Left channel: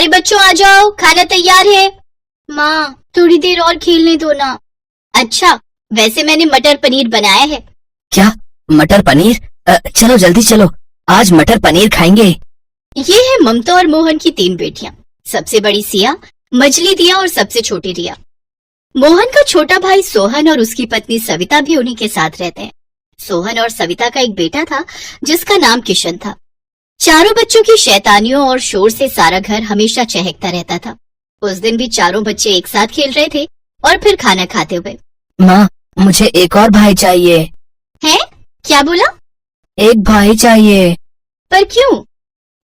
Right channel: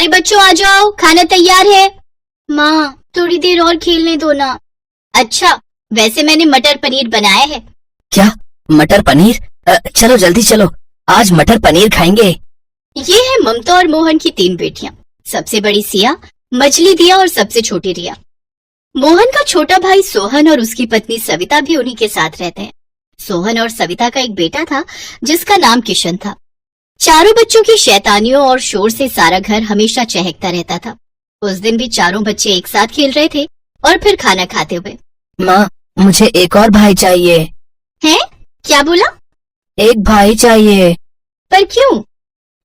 सारे बच्चों आ जाओ, खाना तैयार है। माँ थोड़ी देर और खेलने दो ना। अच्छा, वैसे मैंने मटर पनीर बनाया है। क्या मटर पनीर? चलो जल्दी चलो, आज मटर पनीर खाएंगे। ये है ममता और मोहन की 3 बेटियां। सबसे बड़ी सिया, मछली दिया और सबसे छोटी रिया। मोहन का छोटा भाई सोहन और उसकी पत्नी सविता भी उन्हीं के साथ रहते हैं। सोहन और सविता का एक बेटा था जिसका नाम किशन था। चारों बच्चों की शैतानियों और शोर से सारा घर हमेशा चहकता रहता था। उस दिन भी चारों बच्चे एक साथ खेल रहे थे और फिर खाना खाते हुए। माँ, मुझे एक और भाई चाहिए। है? क्या बोला? एक भाई चाहिए। पर क्यों?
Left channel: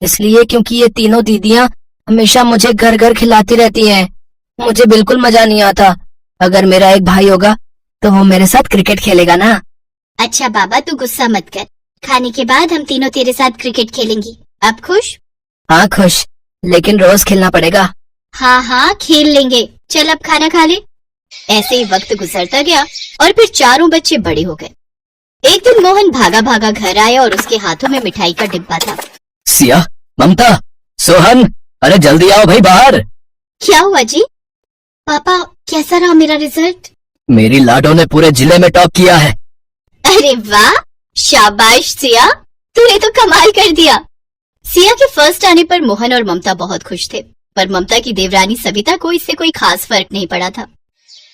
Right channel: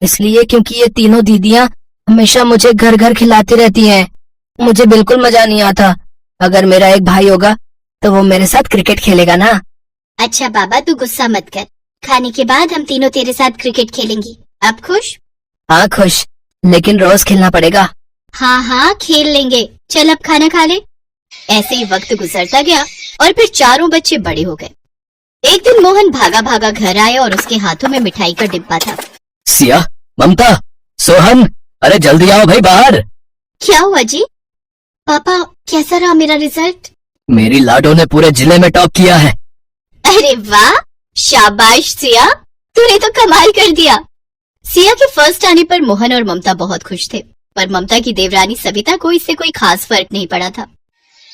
इसलिए क्योंकि ये तीनों दीदियाँ हमेशा मुझे घर घर खिलाती रहती हैं। मुझे बिल्कुल मजा नहीं आता। अगर मेरा एक भाई होगा तो वो मेरे साथ क्रिकेट खेलेगा ना। अच्छा बाबा, तू गुस्सा मत कर। खाने के बाद हम तीनों तेरे साथ क्रिकेट खेलेंगी। अब खुश? हाँ खुश, लेकिन रोज खेलना पड़ेगा। हाँ हाँ खेल लेंगे। चल अब खाना खा ले। ऐसे ही वक्त गुजरता गया और फिर चारों बच्चे बड़े हो गए। एक दिन मोहन भागा भागा घर आया और उसके हाथों में मिठाई का डिब्बा था। सिया, ममता, सोहन, अरे जल्दी आओ भाई बाहर। क्या हुआ जी? पापा कैसा रहा मेरा रिजल्ट? मेरी लाडो ने पूरे जिले में टॉप किया है। अरे वाह, शाबाश सिया, तूने तो कमाल कर दिया। सिया के फर्स्ट आने पर मोहन और ममता बहुत खुश थे, पर ममता की देवरानी सविता को इससे कोई खास फर्क नहीं पड़ा था।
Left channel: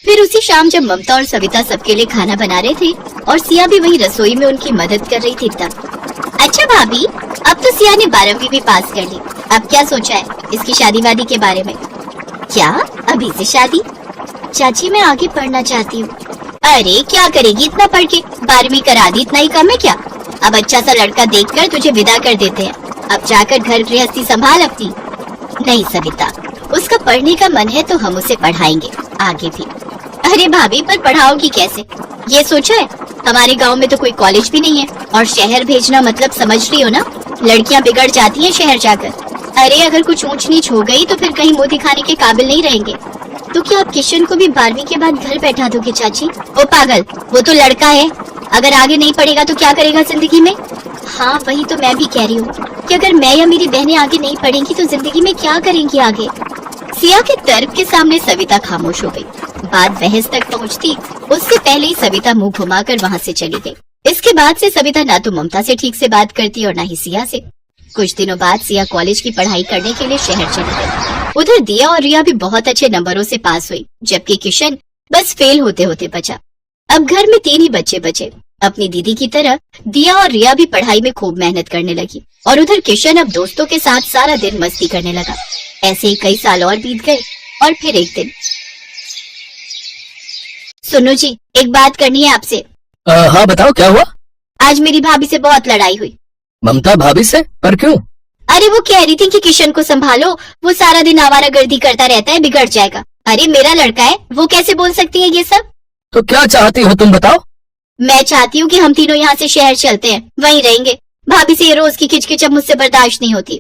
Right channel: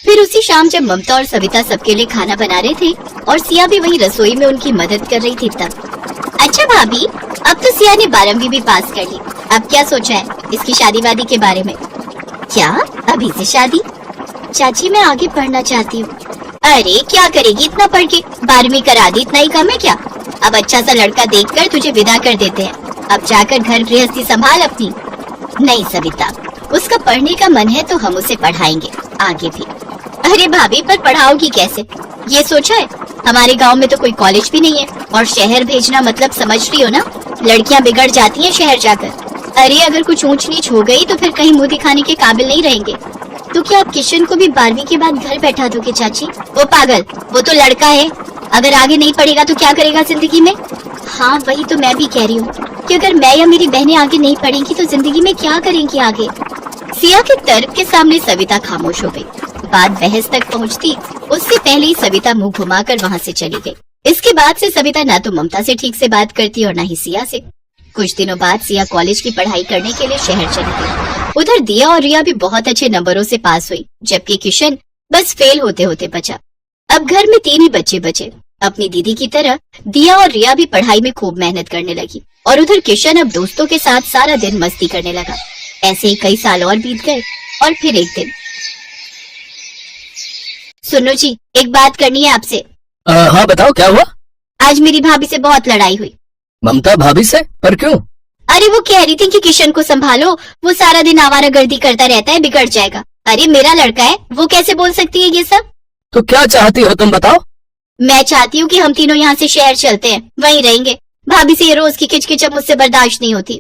फिर उसी शाम जब ममता और सविता सबके लिए खाना बना रहे थे और सिया भी वही रसोई में उनकी मदद कर रही थी तब। अच्छा भाभी, अब तो सिया ने 12वीं भी पास कर ली। अब क्या सोचा है इसकी शादी वादी के बारे में? क्या अभी से शादी? चाची मैं आगे पढ़ना चाहती हूँ। अरे क्या करेगी इतना पढ़ के? 12वीं करा दी, इतना ही कम है क्या? अब अच्छा सा लड़का देखकर तुझे विदा कर देते हैं। अब जाकर घर गृहस्थी संभाल अपनी। नहीं सविता, उसका पढ़ने का मन है तो हम उसे पढ़ाएंगे आगे भी। अरे भाभी, पर पढ़ाओगी कैसे? ये सोचा है? हमारे गांव में तो कोई कॉलेज भी नहीं है और शहर भेजना मतलब समझ रही हो ना, लड़कियां बिगड़ जाती हैं शहर जाकर। अरे अगर कुछ ऊंच नीच हो गई तो फिर कहीं मुंह दिखाने के काबिल नहीं रहेंगे। तो क्या आप किशन को भी 12वीं के बाद घर बैठा दोगे चाची? वो पागल, वो तो लड़का है। अगर आगे नहीं पढ़ेगा तो क्या करेगा जिंदगी में? हाँ वही तो मैं भी कह रही हूँ कि अगर मैं या मेरी बहनें आगे नहीं पढ़ेंगी तो जिंदगी में क्या करेंगी आगे। सिया के तर्क के सामने सविता खामोश हो गई। बात बहस तक पहुँचती उससे पहले ही सविता मुंह घुमाकर वहाँ से चली गई। इसके बाद से सविता न तो ममता से ठीक से बात करती और न ही सिया से। कुछ दिनों बाद सिया कॉलेज की पढ़ाई करने के लिए शहर चली गई। उधर दिया और रिया भी बहुत अच्छे नंबरों से पास हुई, जबकि किशन बस फेल होते होते बचा। अब घर में 3 ही बच्चे बचे। अपनी दीदी की तरह दिया और रिया भी पढ़ाई में खूब मेहनत करने लगी और उधर किशन अब दोस्तों के साथ सारा दिन मस्ती करने लगा। ऐसे ही कई साल और बीत गए और फिर एक दिन। सुनो जी, एक बात करनी है आपसे। हाँ बताओ, क्या हुआ? आज मेरी भाभी से बहुत लड़ाई हुई। ममता भाभी से? पर क्यों? अरे वो कह रही थी कि किशन को संभालो, वो सारा दिन आवारागर्दी करता रहता है, बिगड़ जाएगा। अरे मेरा लड़का है, वो कैसे बोल सकती है ये सब? तो क्या चाहती हो तुम, बताओ? मैं चाहती हूँ कि हम तीनों यहाँ से शहर चलते हैं, वहीं रहेंगे। भाभी से ये रोज की किचकिच अब मुझसे बर्दाश्त नहीं होती।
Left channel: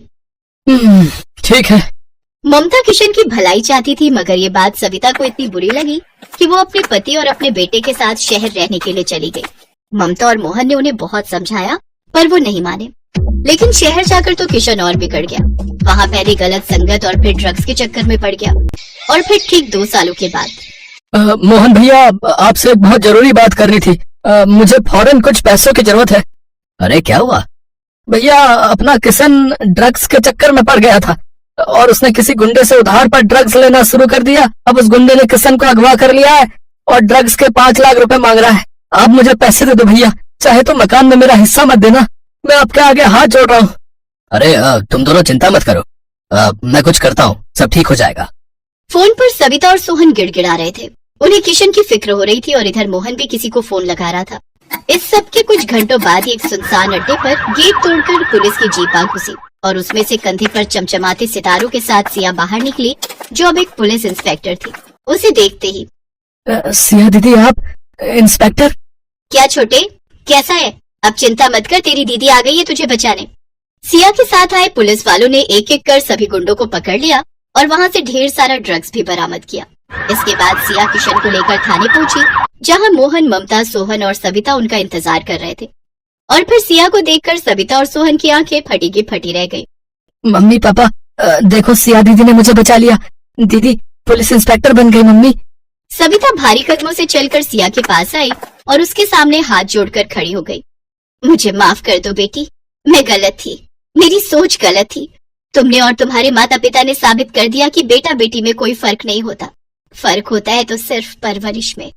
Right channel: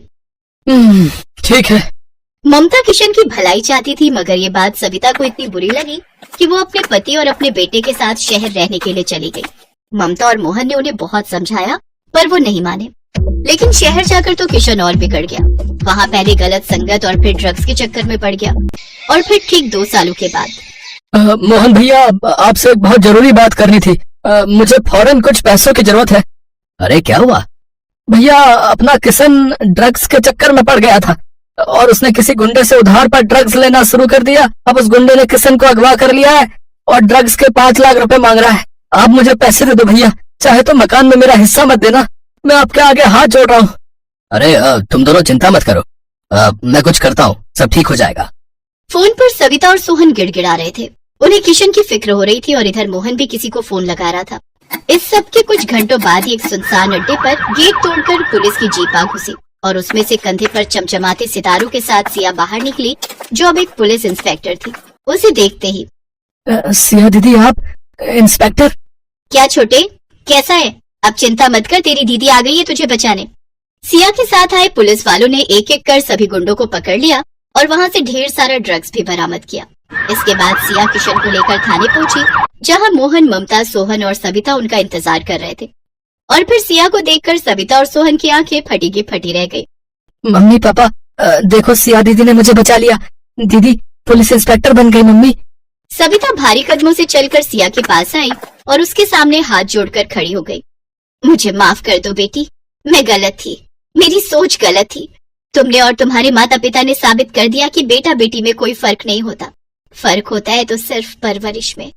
ठीक है। ममता किशन की भलाई चाहती थी, मगर ये बात सविता को इतनी बुरी लगी कि वो अपने पति और अपने बेटे के साथ शहर रहने के लिए चली गई। ममता और मोहन ने उन्हें बहुत समझाया पर वो नहीं माने। लेकिन शहर जाकर तो किशन और बिगड़ गया। वहाँ पहले गलत संगत और फिर ड्रग्स के चक्कर में पड़ गया और फिर ठीक 2 सालों के बाद। मोहन भैया, आपसे बहुत जरूरी बात करनी थी। मुझे फौरन कुछ पैसों की जरूरत है। अरे क्या हुआ? भैया, अपना किशन ड्रग्स के चक्कर में पड़ गया था और उसने किसी गुंडे से उधार पर ड्रग्स लेना शुरू कर दिया। अब उस गुंडे ने किशन को अगवा कर लिया है और ड्रग्स के 5 लाख रुपए मांग रहा है। आप मुझे पैसे दे दो भैया, चाहे तो मकान में मेरा हिस्सा मत देना, मैं आपके आगे हाथ जोड़ रहा हूँ। अरे तुम दोनों चिंता मत करो, मैं कुछ करता हूँ, सब ठीक हो जाएगा। फोन पर सविता और सोहन गिड़गिड़ा रहे थे। उन्हें किशन की फिक्र हो रही थी और इधर मोहन भी किसी को फोन लगा रहा था। इस सब के कुछ घंटों बाद ही एक सुनसान अड्डे पर गेट तोड़कर पुलिस की जीप आ घुसी और उसमें से कंधे पर चमचमाते सितारों के साथ सिया बाहर निकली, जो अब एक पुलिस इंस्पेक्टर थी। उसे देखते ही, सिया दीदी, आप इंस्पेक्टर? क्या छोटे, कैसा है? अब चिंता मत कर, तेरी दीदी आ गई है तुझे बचाने। सिया के साथ आए पुलिस वालों ने एक एक कर सभी गुंडों को पकड़ लिया और वहाँ से ढेर सारा ड्रग्स भी बरामद किया। इसके बाद सिया किशन को लेकर थाने पहुँचे, जहाँ मोहन, ममता, सोहन और सविता उनका इंतजार कर रहे थे। और फिर सिया को देखकर सविता और सोहन की आंखें फटी की फटी रह गई। मम्मी पापा, देखो सिया दीदी ने मुझे बचा लिया। दीदी पुलिस इंस्पेक्टर बन गई मम्मी। सविता भारी कदमों से चलकर सिया के पास आई और उसके सामने हाथ जोड़कर खड़ी हो गई। मुझे माफ कर दो बेटी, मैं गलत थी, मेरी सोच गलत थी। तुमने और तुम्हारे माता पिता ने साबित कर दिया कि बेटा बेटी में कोई फर्क नहीं होता। फर्क होता है तो सिर्फ परवरिश में।